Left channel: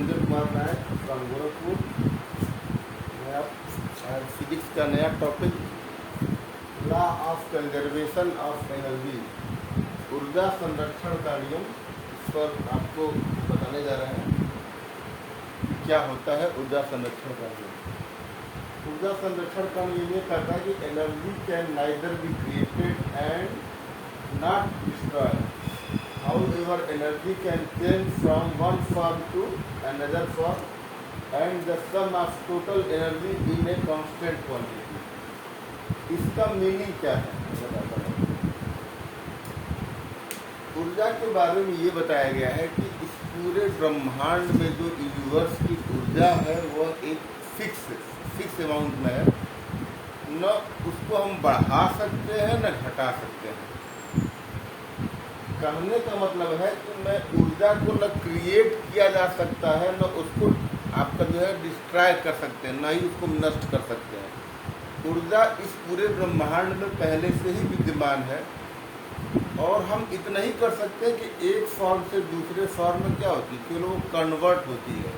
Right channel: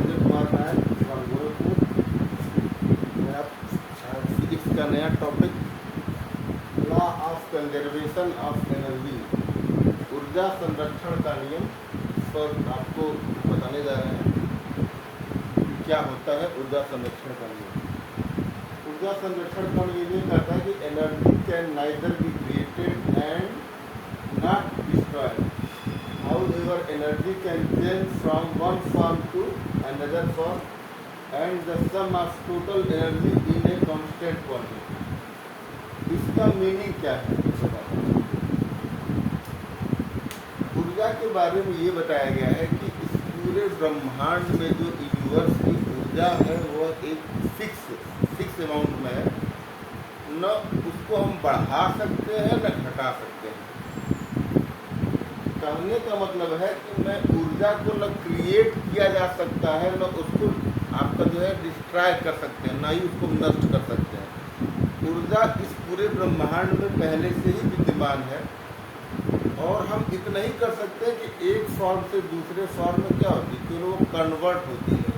Narendra Kumar Nayak from Gorakhpur. नया physics का नया topic law of conservation of energy, ऊर्जा संरक्षण का नियम पर आपको बताने जा रहे हैं कि क्या होता है ऊर्जा संरक्षण का नियम। ऊर्जा संरक्षण का नियम ये कहता है कि energy can neither be created and not destroyed. However, energy can change from one form to another form, and the sum of total energy in a constant quantity. इसका मीनिंग क्या है बताता हूँ। ऊर्जा के बारे में ये बताया गया है कि इस पूरे ब्रह्मांड में जो यूनिवर्स की ऊर्जा है वह एक फिक्स अमाउंट में है, न उसको हम बढ़ा सकते हैं न घटा सकते हैं। कहने का मतलब है कि मैं ऊर्जा को न क्रिएट किया जा सकता है, न उसको आपका जो है डिस्ट्रॉय कर सकते हैं, न ही उसको नष्ट कर सकते हैं। ऊर्जा इस पूरे ब्रह्मांड में पहले से ही विद्यमान है और हम इतना ही कर सकते हैं कि एक फॉर्म से दूसरे फॉर्म में क्या होती है, केवल वो कन्वर्ट होती है।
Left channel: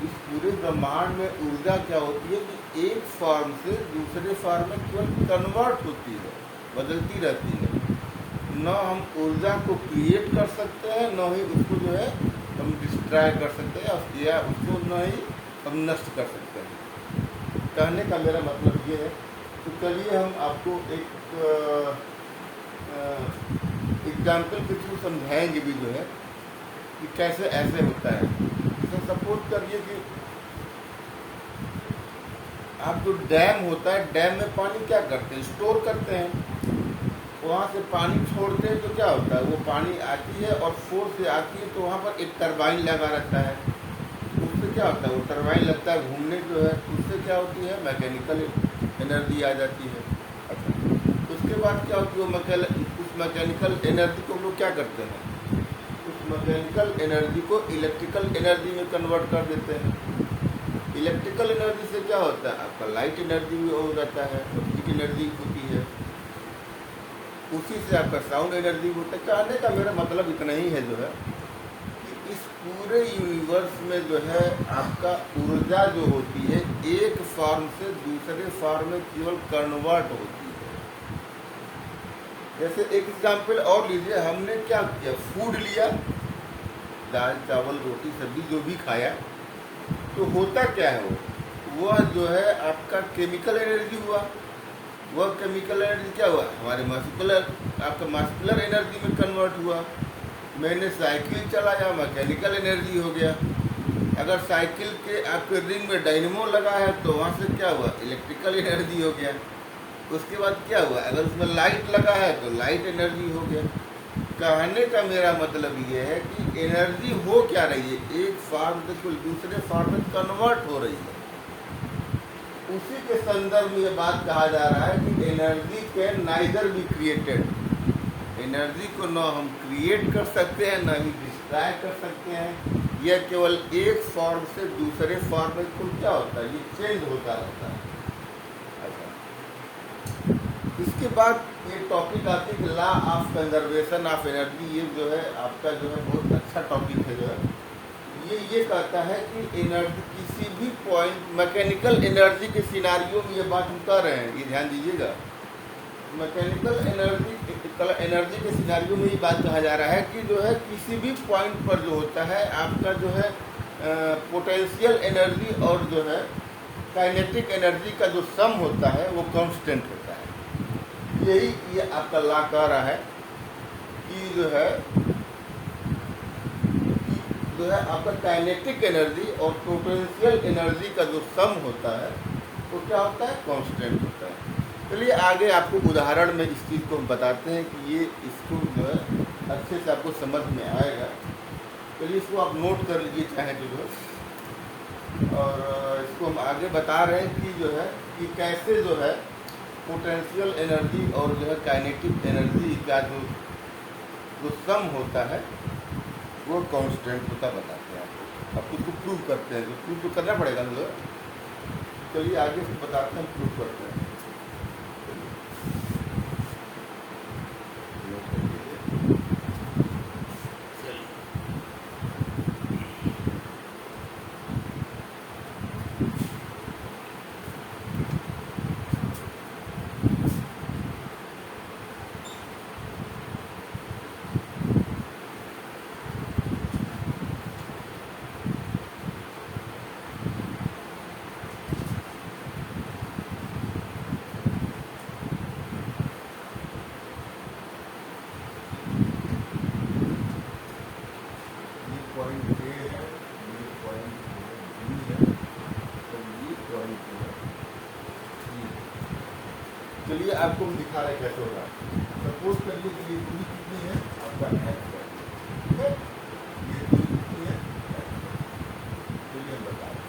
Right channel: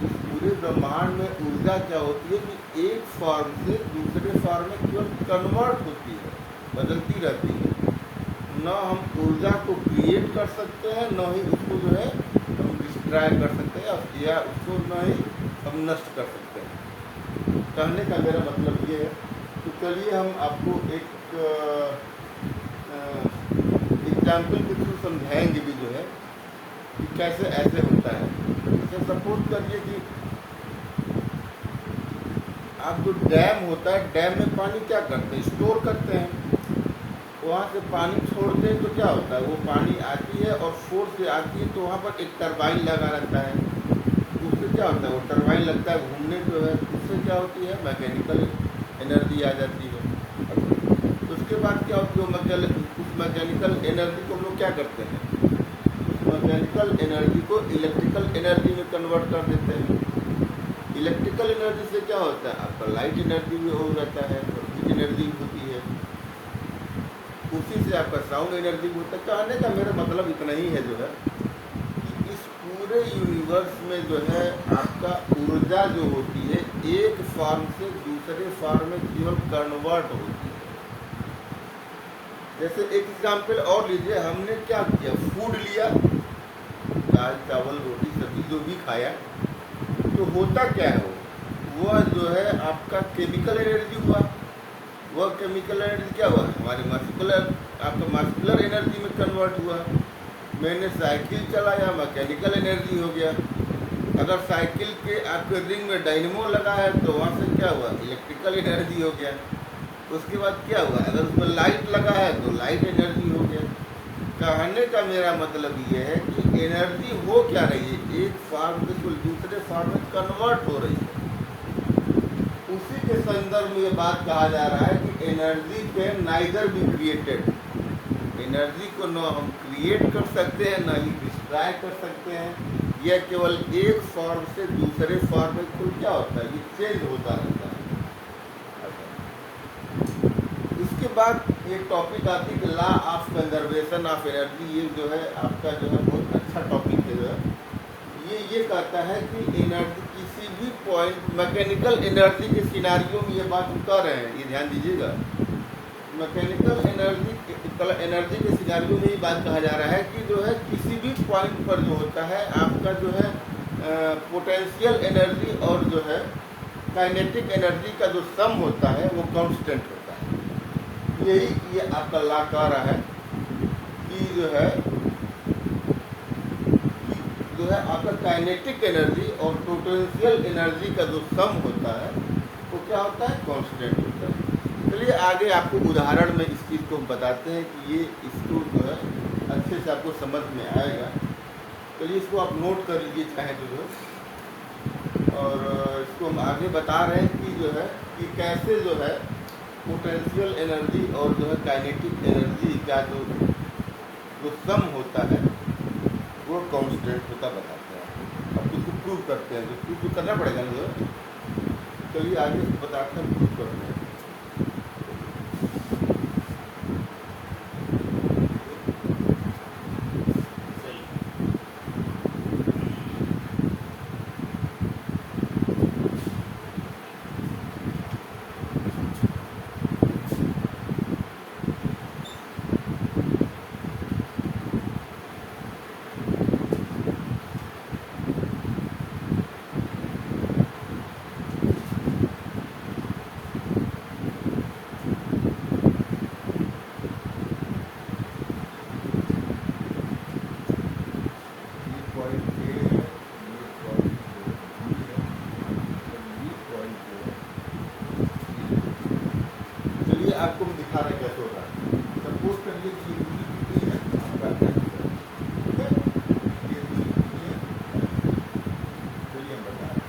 इस पूरे ब्रह्मांड में ऊर्जा क्या होती है कि एक फॉर्म से दूसरे फॉर्म में केवल कन्वर्ट होती है, बदलती रहती है। न हम ऊर्जा को क्रिएट कर सकते हैं, न ही उसको जो है हम डिस्ट्रॉय कर सकते हैं या उसको न ही हम नष्ट कर सकते हैं। कहने का मेरा मतलब ये है तो चलिए हम आपको एक एग्जाम्पल के थ्रू समझाएंगे भी जो है कि कैसे ऐसे होता है। जैसे सपोज करिए कि आप जो डैम होता है, डैम में पानी क्या करते हैं, स्टोर करते हैं। वहाँ से पानी छोड़ते हैं तो क्या होता है, वो पानी आती है और फोर्स से आती है तो वहाँ पर एक टरबाइन लगा रहता है। उससे क्या होता है, वो टरबाइन लगता है घूमने जो है, उससे क्या होती है मैकेनिकल एनर्जी आ जाती है। उसके बाद क्या होती है, उस मैकेनिकल एनर्जी को हम लोग क्या करते हैं, उस मैकेनिकल एनर्जी को इलेक्ट्रिकल एनर्जी में कन्वर्ट कर देते हैं। इलेक्ट्रिकल एनर्जी से क्या होता है, आपका लाइट एनर्जी भी हो जाता है और हीट एनर्जी होती है, उसी से आपका साउंड एनर्जी होता है। कहने का मेरा मतलब इतना ही है जो है कि इस पूरे यूनिवर्स में जो है आपका ऊर्जा जो होती है एक फॉर्म से दूसरे फॉर्म में केवल कन्वर्ट होती है। जैसे एक एग्जाम्पल और लीजिए, हमने क्या किया, फूड लिया, दाल चावल रोटी सब्जी जो भी खाया, तो होता क्या है, वह जो है आपका केमिकल एनर्जी हुआ। वह केमिकल एनर्जी क्या हुआ, हमारे आपका मस्कुलर एनर्जी में कन्वर्ट हुआ। मैंने साइकिल चलाया, मैकेनिकल एनर्जी हो गया। अगर साइकिल के आपके रिंग में डायनेमो लगा है तो वहाँ से क्या हुआ, इलेक्ट्रिकल एनर्जी हो गया। उसके बाद क्या हुआ, अगर उसमें लाइट लगा है तो लाइट एनर्जी हो गया। कहने का मेरा मतलब ये है कि एनर्जी हो क्या रही है, एक फॉर्म से दूसरे फॉर्म में कन्वर्ट हो रही है। उसी के संदर्भ में ये बात कहा जा रहा है कि energy can neither be created. Energy को न हम क्रिएट कर सकते हैं न ही डिस्ट्रॉय कर सकते हैं। यह केवल एक फॉर्म से दूसरे फॉर्म में कुल क्या होता है, ये चेंज होता रहता है। इसके बाद ये टॉपिक आती है कि law of conservation of energy. ये जो है आपका जो है बहुत अच्छा टॉपिक है। जो है ये कहता है कि एनर्जी किसी भी पॉइंट, मैकेनिकल एनर्जी के सिनारियों में ये बात हम कह रहे हैं, ये ध्यान दीजिएगा। मैकेनिकल एनर्जी के सिनारियों में ये बात कहा जा रहा है कि जो है किसी भी पॉइंट पर जो होता है आपका जो है पोटेंशियल एनर्जी और जो है काइनेटिक एनर्जी का जो सम होता है वो कांस्टेंट होता है। यही ये आपका लॉ कह रहा है कि जो है आपका काइनेटिक एनर्जी और पोटेंशियल एनर्जी का जो सम होता है वो क्या होता है, कांस्टेंट होता है। चलिए आगे आपको उदाहरण में इस चीज़ को हम बताते हैं कि ये इसको जो है अच्छे से आपको समझ में आएगा। चलिए इसको आप नोट कर लीजिए चाहे तो जो है, और इसको हम आगे बता रहे हैं कि जो है कि कैसे जो है पोटेंशियल एनर्जी और जो है काइनेटिक एनर्जी का जो सम होता है वो कांस्टेंट होता बताते हैं आपको। अब उसको प्रूव करते हैं, तो प्रूव करना पड़ेगा ना। चलिए आगे बताते हैं, प्रूव करते हैं। आपको हम दिखा रहे कैसे हो रहा है। सपोज करिए कि ये दूरी कितनी है आपका x है, ठीक है, ये दूरी कितनी है, चलिए हम बता रहे हैं।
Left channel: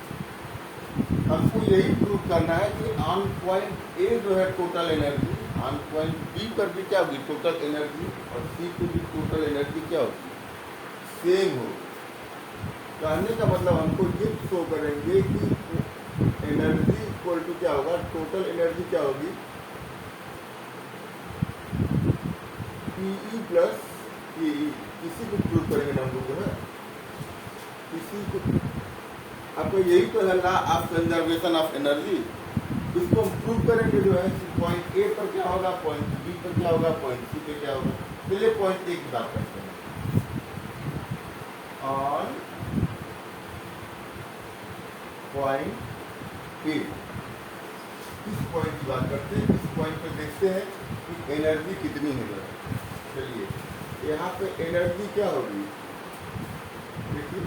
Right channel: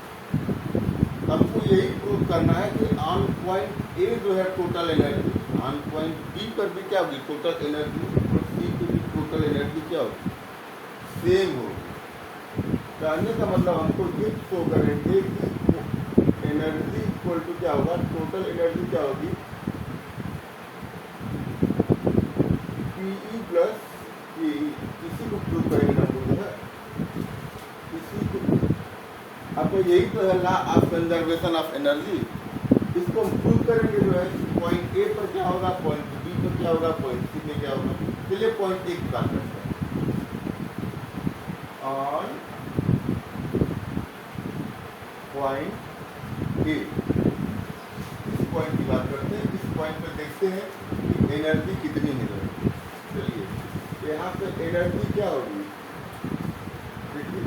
हमको यही प्रूव करना है कि ऑन पॉइंट ए जो है total energy, on point B पर भी क्या होगी टोटल एनर्जी, और सी पर भी टोटल एनर्जी क्या होगी, सेम होगी। कहने का मतलब हमको ये शो करेंगे कि एनर्जी इक्वल टू क्या होगा, टोटल एनर्जी क्या होगी, पीई प्लस ई। इसी को प्रूव करेंगे हम लोग जो है, इसी को आपको यही तो है law of conservation of energy. इसको हम प्रूव करेंगे जो है कि पॉइंट ए पर क्या होगा, पॉइंट बी पर क्या होगा, पॉइंट सी पे क्या होगा। चलिए पॉइंट ए की बात करते हैं। ऑन पॉइंट ए, इस पॉइंट की बात करते हैं। इस पॉइंट पे देखते हैं कि एनर्जी कितनी है। चलिए यहाँ पे एनर्जी क्या होगी, देखिए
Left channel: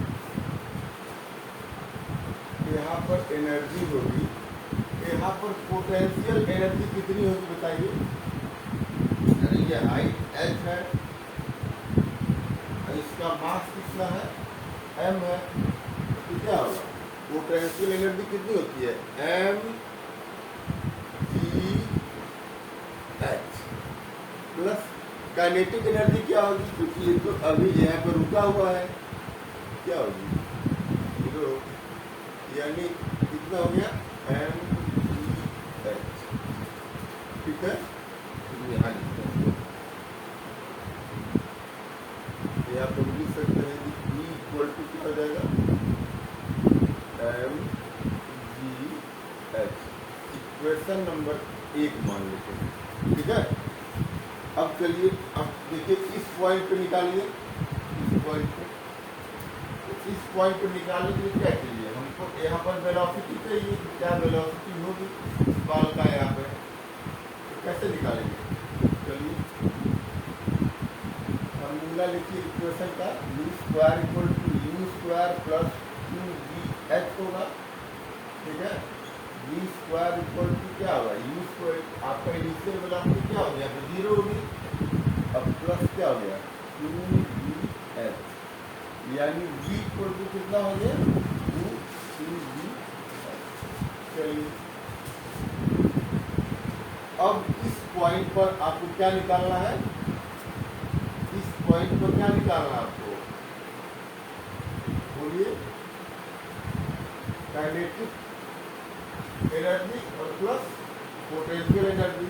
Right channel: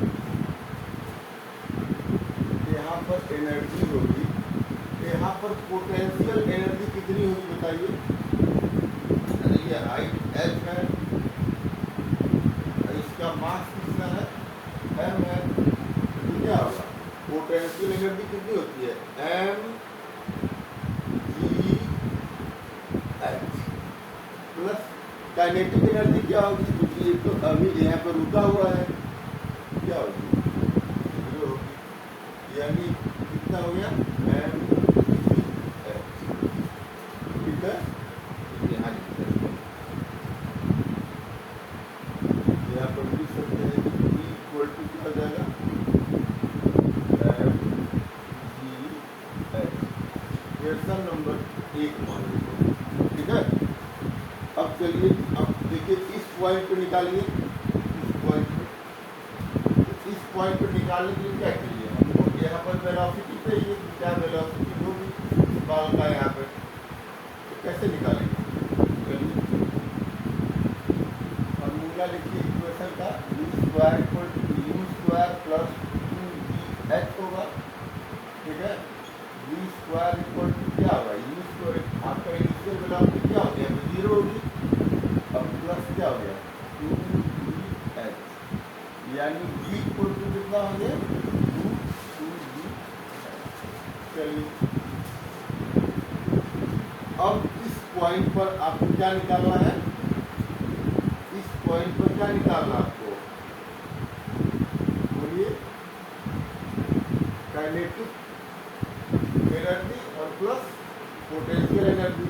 यहाँ पर एनर्जी होगी, यहाँ पर पोटेंशियल एनर्जी कितनी होगी बताइए। यानी ये हाइट h है, इसका मास कितना है, m है, तो क्या होगा, पोटेंशियल एनर्जी कितनी होती है, m g h plus kinetic energy क्या होगी, क्योंकि ये तो अभी यहाँ पर रुका हुआ है, क्या होगी, यानी कितना हो गया, m g h, ठीक है। यहाँ यहाँ पर लिख सकते हैं कि E इक्वल टू क्या हो जाएगा, m g h। Question number 1 मान लीजिए, ठीक है। अब चलिए अब देखिए इस पॉइंट पे निकालिए, इस पॉइंट पे, इस पॉइंट पे निकालने के लिए क्या चाहिए हमको, यहाँ पर वेलोसिटी चाहिए, क्या वेलोसिटी होगी बॉल का यहाँ पे, तो कैसे निकालेंगे। चलिए फॉर्मूला लिखिए इक्वेशन का, u square equal to u square plus 2vh होगा, ठीक है। v स्क्वायर इक्वल टू क्या होगा, u स्क्वायर, आपका इनिशियल वेलोसिटी क्या हो गया, 0 होगी, अब प्लस क्या हो गया 2vh, यानी v इक्वल टू कितना हो गया 2vh। चलिए अब इस पॉइंट पर आपको क्या निकालना है, इस पॉइंट पर क्या निकालना आपको, बोलिए, काइनेटिक एनर्जी और प्लस पोटेंशियल एनर्जी।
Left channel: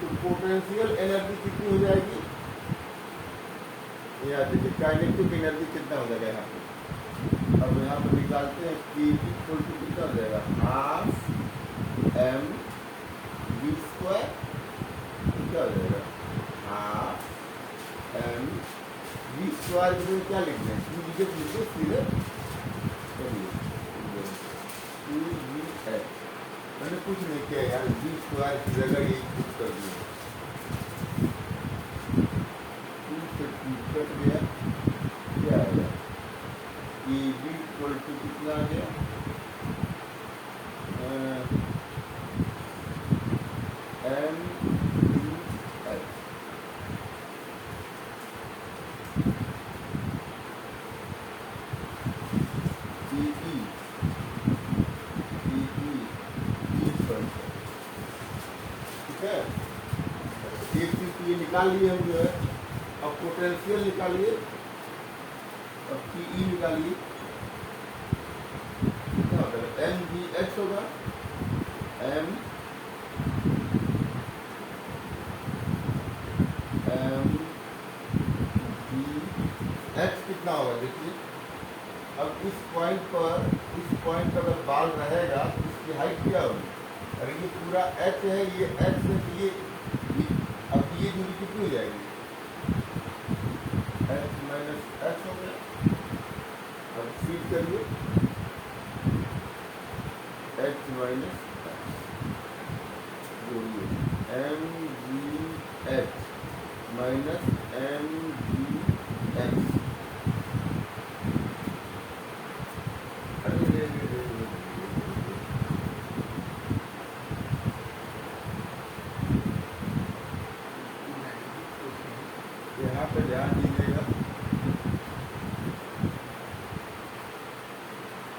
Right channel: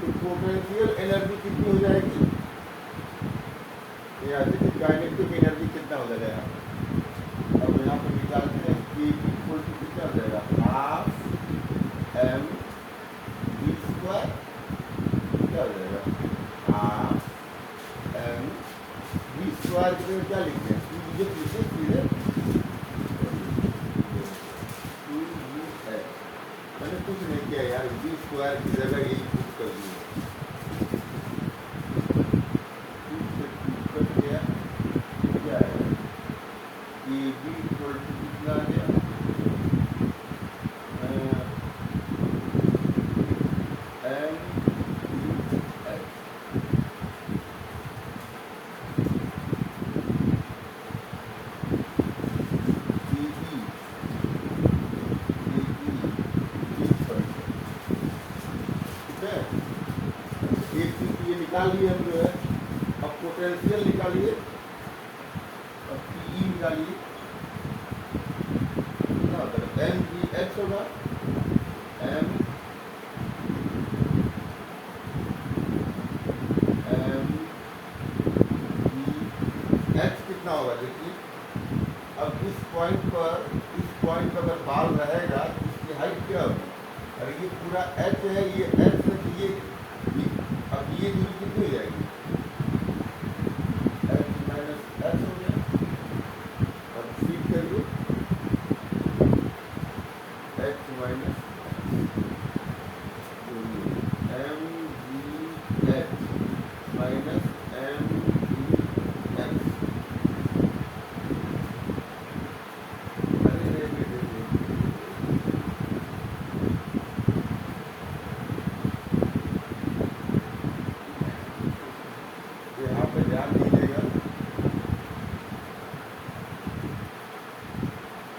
तो पोटेंशियल एनर्जी कितनी हो जाएगी, यहाँ देखिए काइनेटिक एनर्जी कितना हो जाएगा यहाँ पर, अब यहाँ पर निकालते हैं कि इक्वल टू कितना हो जाएगा, हाफ m v स्क्वायर, क्या हो जाएगा, हाफ m v स्क्वायर में क्या लिखते हैं, टू लीजिए सीधे 2vh। मैंने कुछ नहीं किया यार, v स्क्वायर की जगह यही पुट कर दिया, कट गया, क्या आएगा, कि v इक्वल टू कितना आ गया, m v h। एक चीज ये निकाल लिए हम जो है, अब पोटेंशियल निकालिए, अब पीई निकालिए, क्या होता है, एम जी एच होगा, एम जी एच कितना होगा देखिए। अब इस पॉइंट पर अगर बाल रहेगा तो इसकी हाइट क्या होगी, अरे ये पूरा एच है, ये एच से ये अब ये दूरी कितनी हो जाएगी, एच माइनस एच हो गया। अब फीड करिए H minus M G H minus M G H. पे ध्यान दीजिएगा,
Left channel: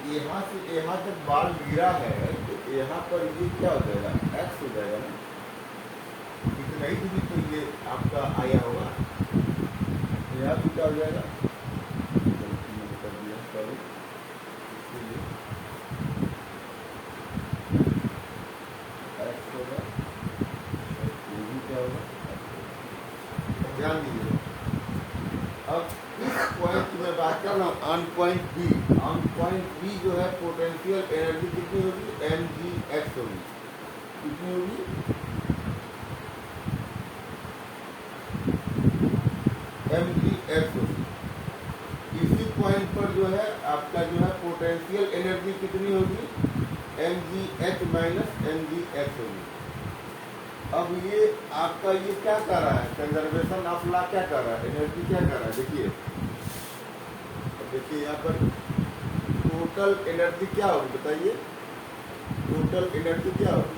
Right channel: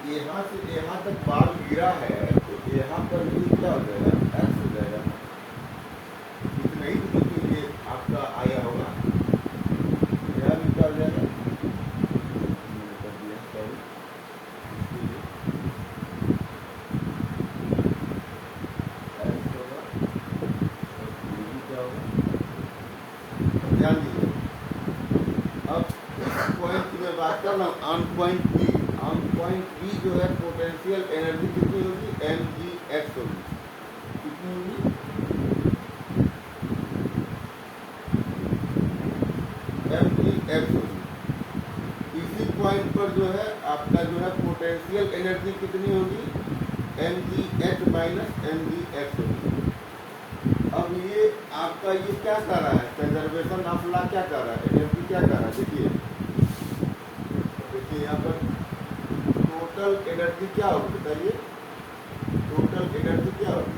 यहाँ से यहाँ तक बाल गिरा है तो यहाँ पर ये क्या हो जाएगा, एक्स हो जाएगा ना, इतना ही तो ये आपका आया होगा, यहाँ भी क्या हो जाएगा, मैंने कर दिया सॉरी, एक्स होगा और ये भी क्या होगा, ध्यान दीजिए। अब इस पॉइंट की मैं बात कर रहा हूँ, ऑन पॉइंट बी जो है पोटेंशियल एनर्जी कितनी होगी, mgx होगी, कितनी होगी, mgx होगी। इसी पॉइंट पर जो है आपका जो है पोटेंशियल एनर्जी कितनी होगी, mgh माइनस mgx होगी। अब ये आपका ये क्या कर रहा है, कंजर्वेशन ऑफ लॉ क्या कर रहा है, एनर्जी क्या कर रहा है, देखिए यहाँ पर टोटल एनर्जी क्या होगी बताइए, टोटल एनर्जी क्या होगी,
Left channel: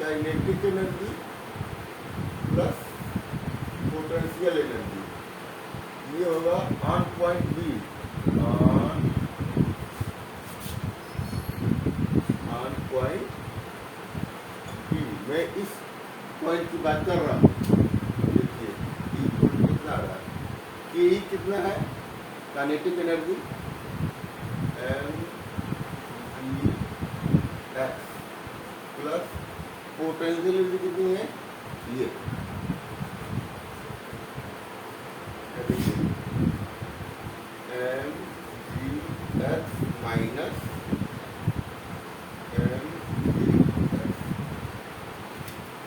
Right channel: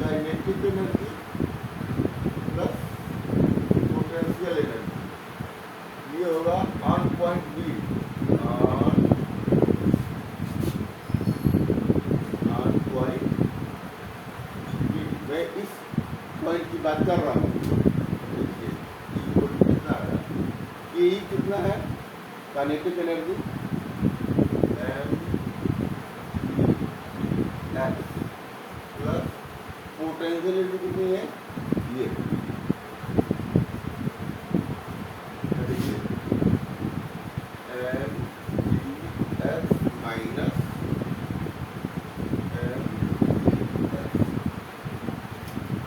kinetic energy plus potential energy, ये होगा on point B, on point B. मैं इस पॉइंट की बात कर रहा हूँ, देखिए कितना है, ये कितना है, kinetic energy plus potential energy कितनी है, ये देखिए mgh माइनस mgh,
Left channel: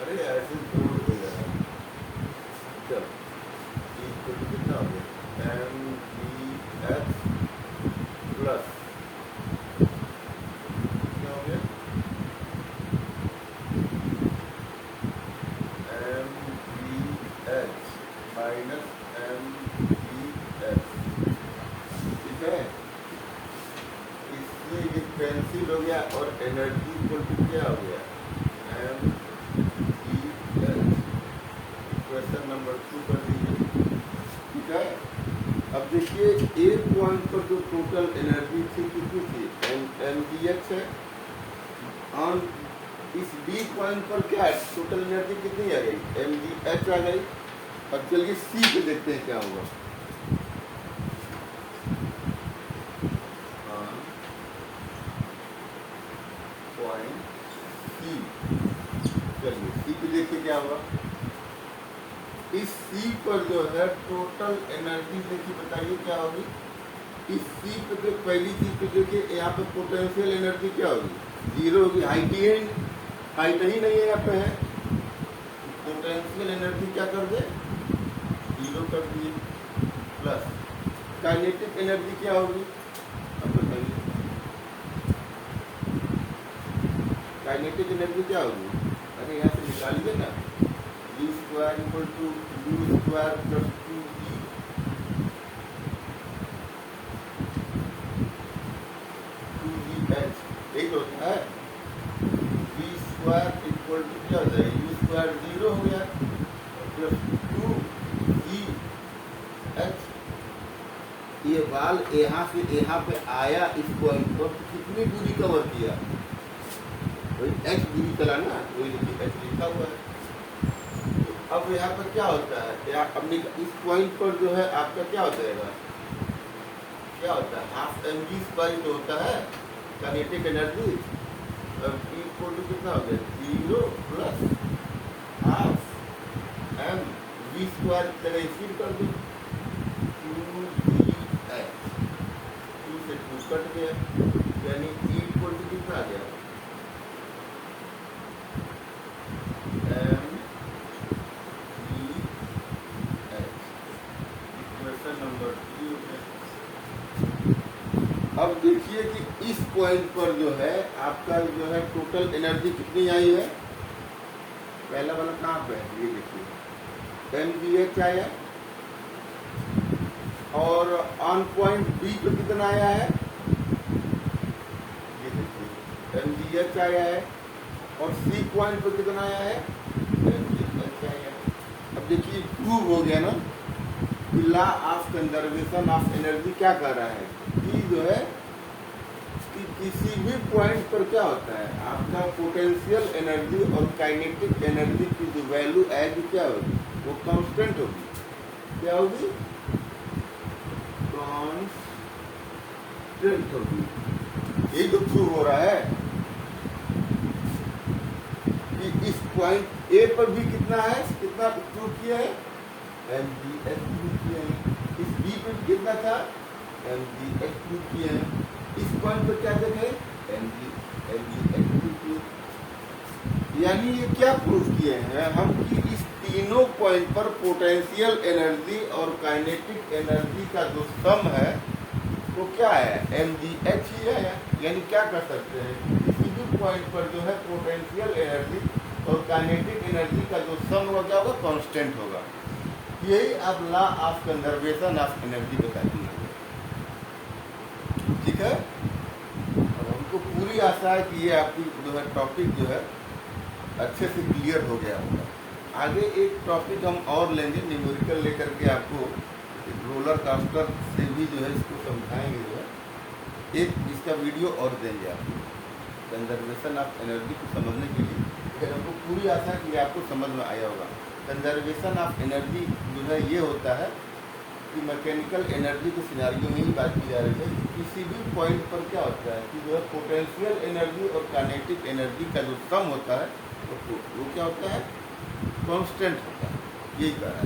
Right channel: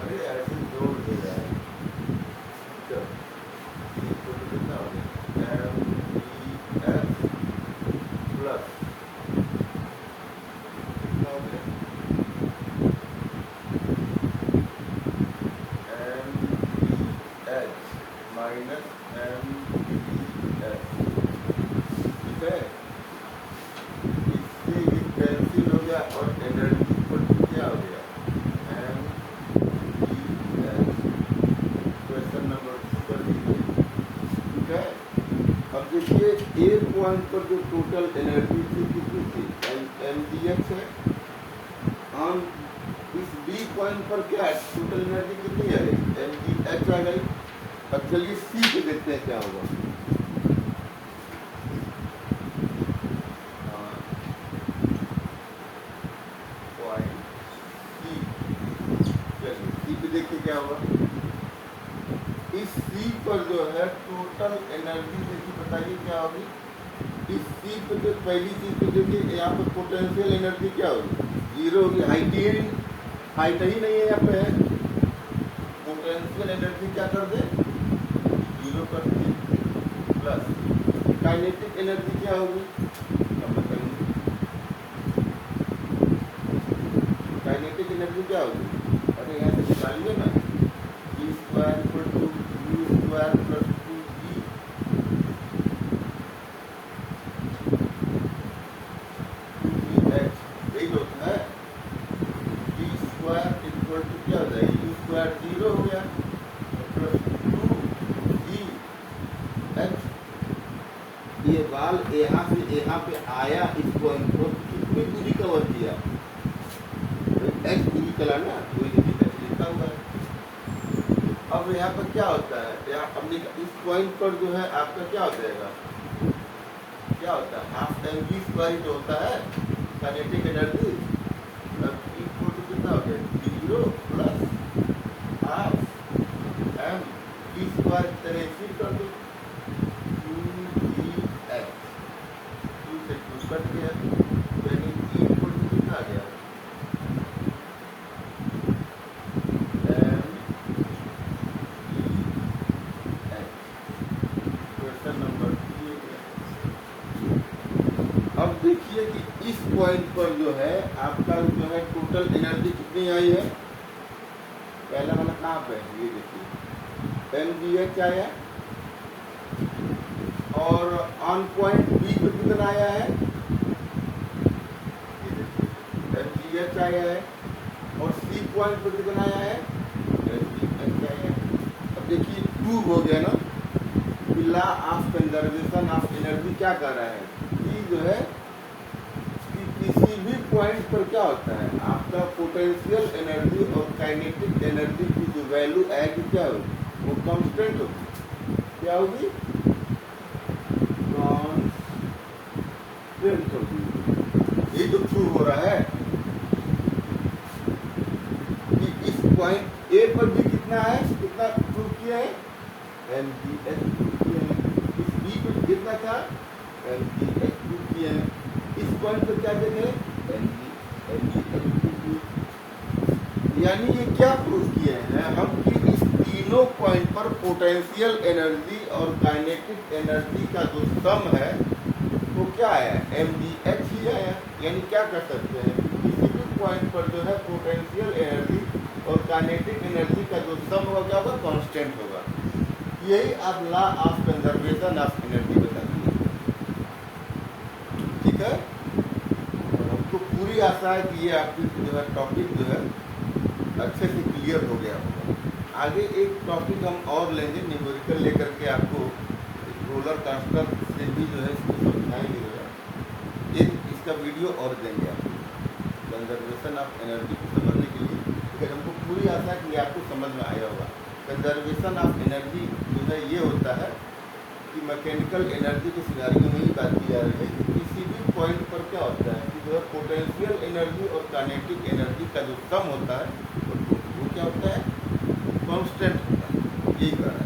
अरे ऐसे जोड़ दे रहा है, चलो ये तो कितना हो गया, mgh प्लस कितना हो गया, mgh माइनस mgh, ठीक है, इससे ये कैंसिल हो गया और एनर्जी को क्या हो गया, mgh। क्वेश्चन नंबर 2 कर दीजिए, ठीक है। अब देखिए एक पॉइंट पर जो टोटल एनर्जी थी कितनी थी, mgh है, ऑन इस बी पॉइंट पर क्या है, टोटल एनर्जी कितनी आ गई, mgh आ गई। अब चलिए सी पे देखते हैं क्या होगा, पॉइंट सी, चलिए सी पे देखिए क्या होगा, इस सी पर जो है टोटल एनर्जी देखिए बताइए क्या होगी, इस सी पे जो पहली चीज पे देखिए यहाँ पे पोटेंशियल एनर्जी क्या होगी, जीरो होगी, हाइट ही नहीं है यहाँ पे है, पोटेंशियल एनर्जी क्या कर दे, जीरो कर दी, प्लस काइनेटिक एनर्जी क्या होगी, अब बताइए काइनेटिक एनर्जी क्या होगी, अरे यहाँ से निकालिए ना, E square equal to U square plus 2E, यही होता है, E स्क्वायर इक्वल टू क्या हो जाएगा, U स्क्वायर 0 हो गया प्लस 2EH। ये बाल यहाँ से यहाँ पे आया इस पॉइंट पर कितनी दूरी कवर किया, h दूरी चला ना, वही h लिखा हुआ है। अब यहाँ पर क्या होता है, यहाँ अपने इस पॉइंट पर जो है आपका क्या हो जाएगा, क्या होता है, हाफ mg स्क्वायर जो होता है काइनेटिक एनर्जी, इक्वल टू कितना हो गया, 0 प्लस हाफ mg स्क्वायर तरह कर दी, 2gh, 2 से 2 कट गया, यानी इक्वल टू कितना आ गया, अब देखिए कि इस पॉइंट पर जो है आपका जो है टोटल एनर्जी कितनी आई है, पहला वाला कहाँ पे है, ये देखिए mgh आया, और ऑन पॉइंट बी पर कितना आया है, ये देखिए mgh आया है, और सी पॉइंट पर कितना आया है, mgh आया है। अब अब देखिए प्रूव हो गया ना कि law of conservation of energy क्या कर रहा है कि जो है कि किसी भी पॉइंट पर क्या होता है आपका पोटेंशियल एनर्जी और काइनेटिक एनर्जी की जो वैल्यू आएगी क्या होगी, वो कांस्टेंट होगी। क्या होगी? कांस्टेंट होगी। ये तो प्रूव हो रहा है कि इस पॉइंट ए पर भी कितना है, कितना प्रूव किया है, mgh प्रूव किया है। इस बी पे कितना था, mgh प्रूव किया है। इस पॉइंट पर क्या देखे, mgh प्रूव। यानी ये क्या प्रूव किए हैं हम कि इस तीनों पॉइंट पर पोटेंशियल एनर्जी और काइनेटिक एनर्जी का जो सम है वो क्या है, mgh ही आया। यानी क्या कर सकते हैं, किसी भी पॉइंट पर जो है पोटेंशियल एनर्जी और काइनेटिक एनर्जी का जो सम होगा क्या होगा, कांस्टेंट होगा। यही आप law of conservation of energy बताइए। ठीक है, और हमको पूरी आशा है कि ये आपकी जो है टॉपिक जो है अच्छे से क्लियर हो गया होगा। आगे एक टॉपिक हम और लेंगे न्यूमेरिकल लेकर के आपको रोलर कास्टर से भी जो है इसको समझाएंगे। जो है एक इसका वीडियो और देंगे आपको कंजर्वेशन ऑफ एनर्जी को समझने के लिए। फिर हमको पूरी आशा है कि आपको समझ में आया होगा। कंजर्वेशन ऑफ एनर्जी जो है ये होता है कि मैकेनिकल एनर्जी के सिनारियों में ही बात की जा रही है कि किसी भी पॉइंट पर क्या होता है कि जो है पोटेंशियल एनर्जी और काइनेटिक एनर्जी का जो सम होता है वो क्या होता है, कांस्टेंट होता है। यही कह रहा है।